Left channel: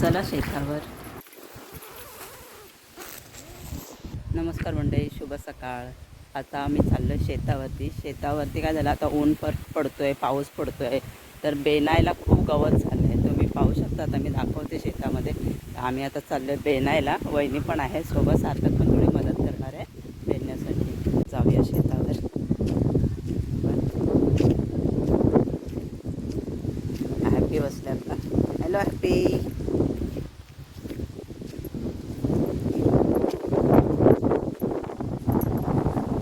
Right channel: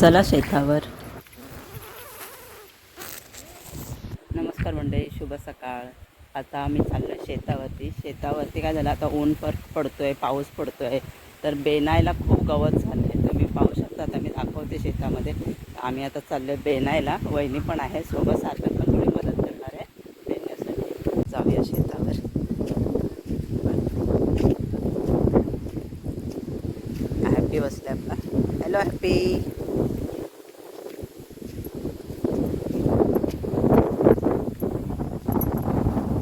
चला शेतावर. नमस्कार मंडळी शुभ सकाळ. आता आम्ही चाललो शेतावरती. शेतावरती काय झालं आता ऊन पर पडतोय पाऊस पडतोय. तर बेनायला खूप गवत झालं आहे तुम्ही पाहू शकता आता मी दाखवते शेतामध्ये. आम्ही आता चाललो आहे बेनायला. वहिनी पण आहे सोबत सार्थक पण थोडी मदत करणार आहे. बेण्यासाठी जाऊया शेतावर. हॅपी बसले आपला. हॅलो हॅपी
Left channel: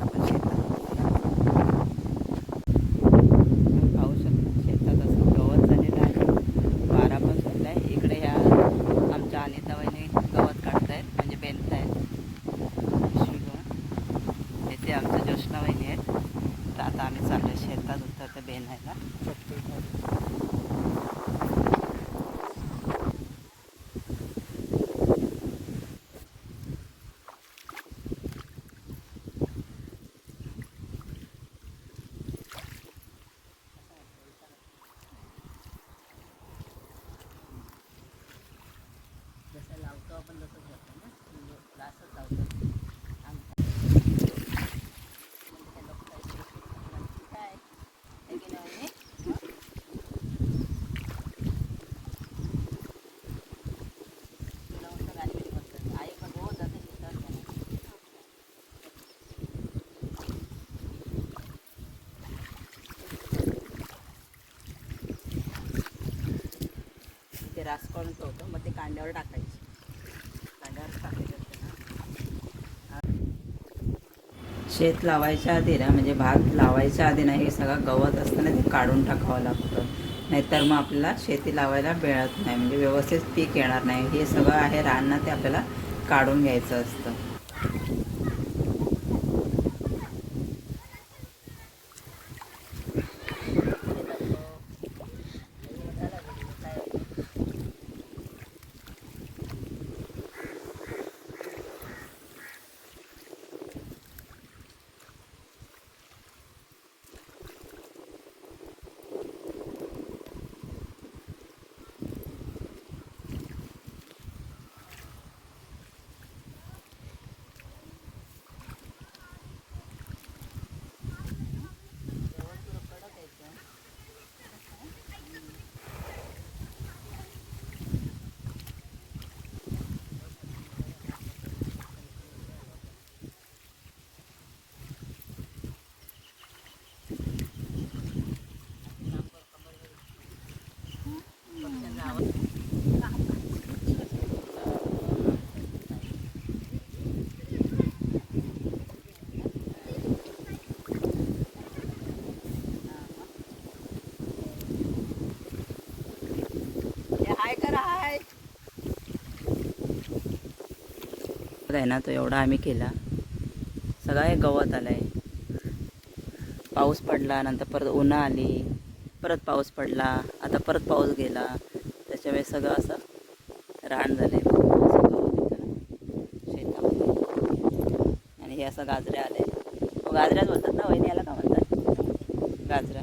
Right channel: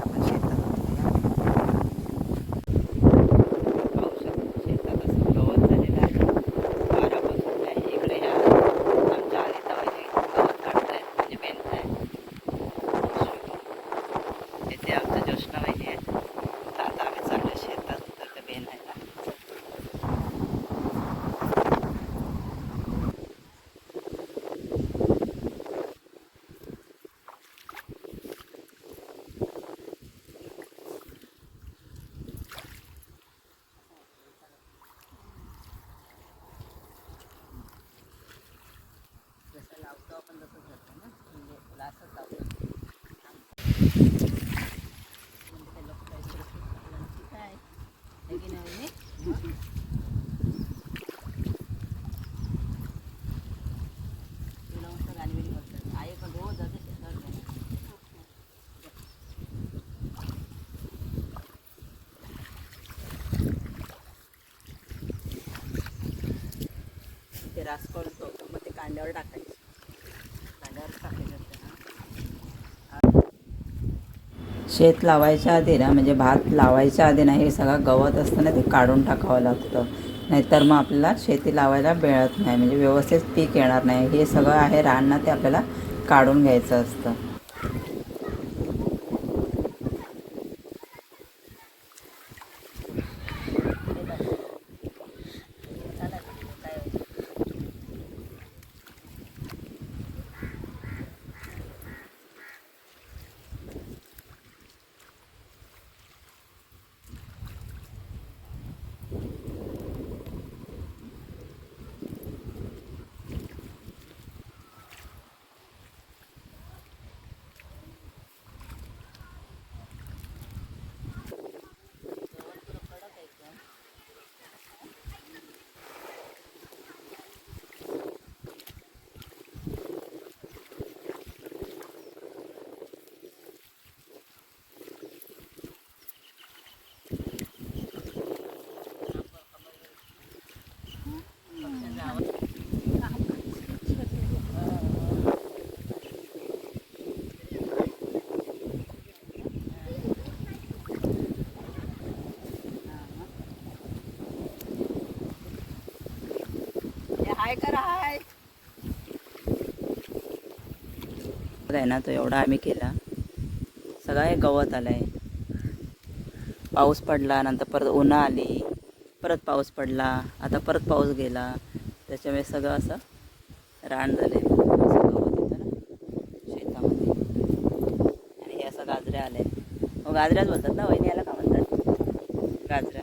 आपण शेतात पाहू शकतो शेतात असं गवत झालेलं आहे वारा पण होत आहे इकडे ह्या आमच्या अनिता वहिनी गवत काढतायत म्हणजे पेंटतायत ते आमच्या ज्योष्णा वहिनी आहेत. तर आता आम्ही चाललो शेतात उतरतो बेनायला जसं लावतो आपण तसंच करतो ना. म्हणजे लासच लावतो आमचं म्हणजे ते लोक काहीतरी शिकतात. काय आहे की नाही वहिनी? तुला मस्त गाडी बिडी बसतात आई पण रोज जाते शेतावर घ्यायला. ते रास करून ठेवतो मग ते कांद्यावर टाकायचे. कांद्यावर टाकायचे शेत लावायच्या आधी ना म्हणजे भात लावायच्या आधी ना हे सगळं गवत असतं ना ते काढून टाकावं लागतं. नाहीतर मग आपल्याला शेती लावायला मिळत नाही म्हणजे व्यवस्थित पीक येणार नाही. हे सगळं आहे रान ना ते आपल्याला काढून घ्यायचं असतं. हाय. आहे आहे ना तो एवढा आम्ही केला. सगळा हे गवत आलाय. पाऊस पडला नंतर परत उन्हा आली परत पाऊस पडला आता परत पाऊस गेला. त्याच्यामुळे सगळं असं रान झाले शेतामध्ये. आणि हे असं गाजऱ्या आले गाजऱ्याच बोलतात ना वहिनी याला का म्हणतात? गाजऱ्या.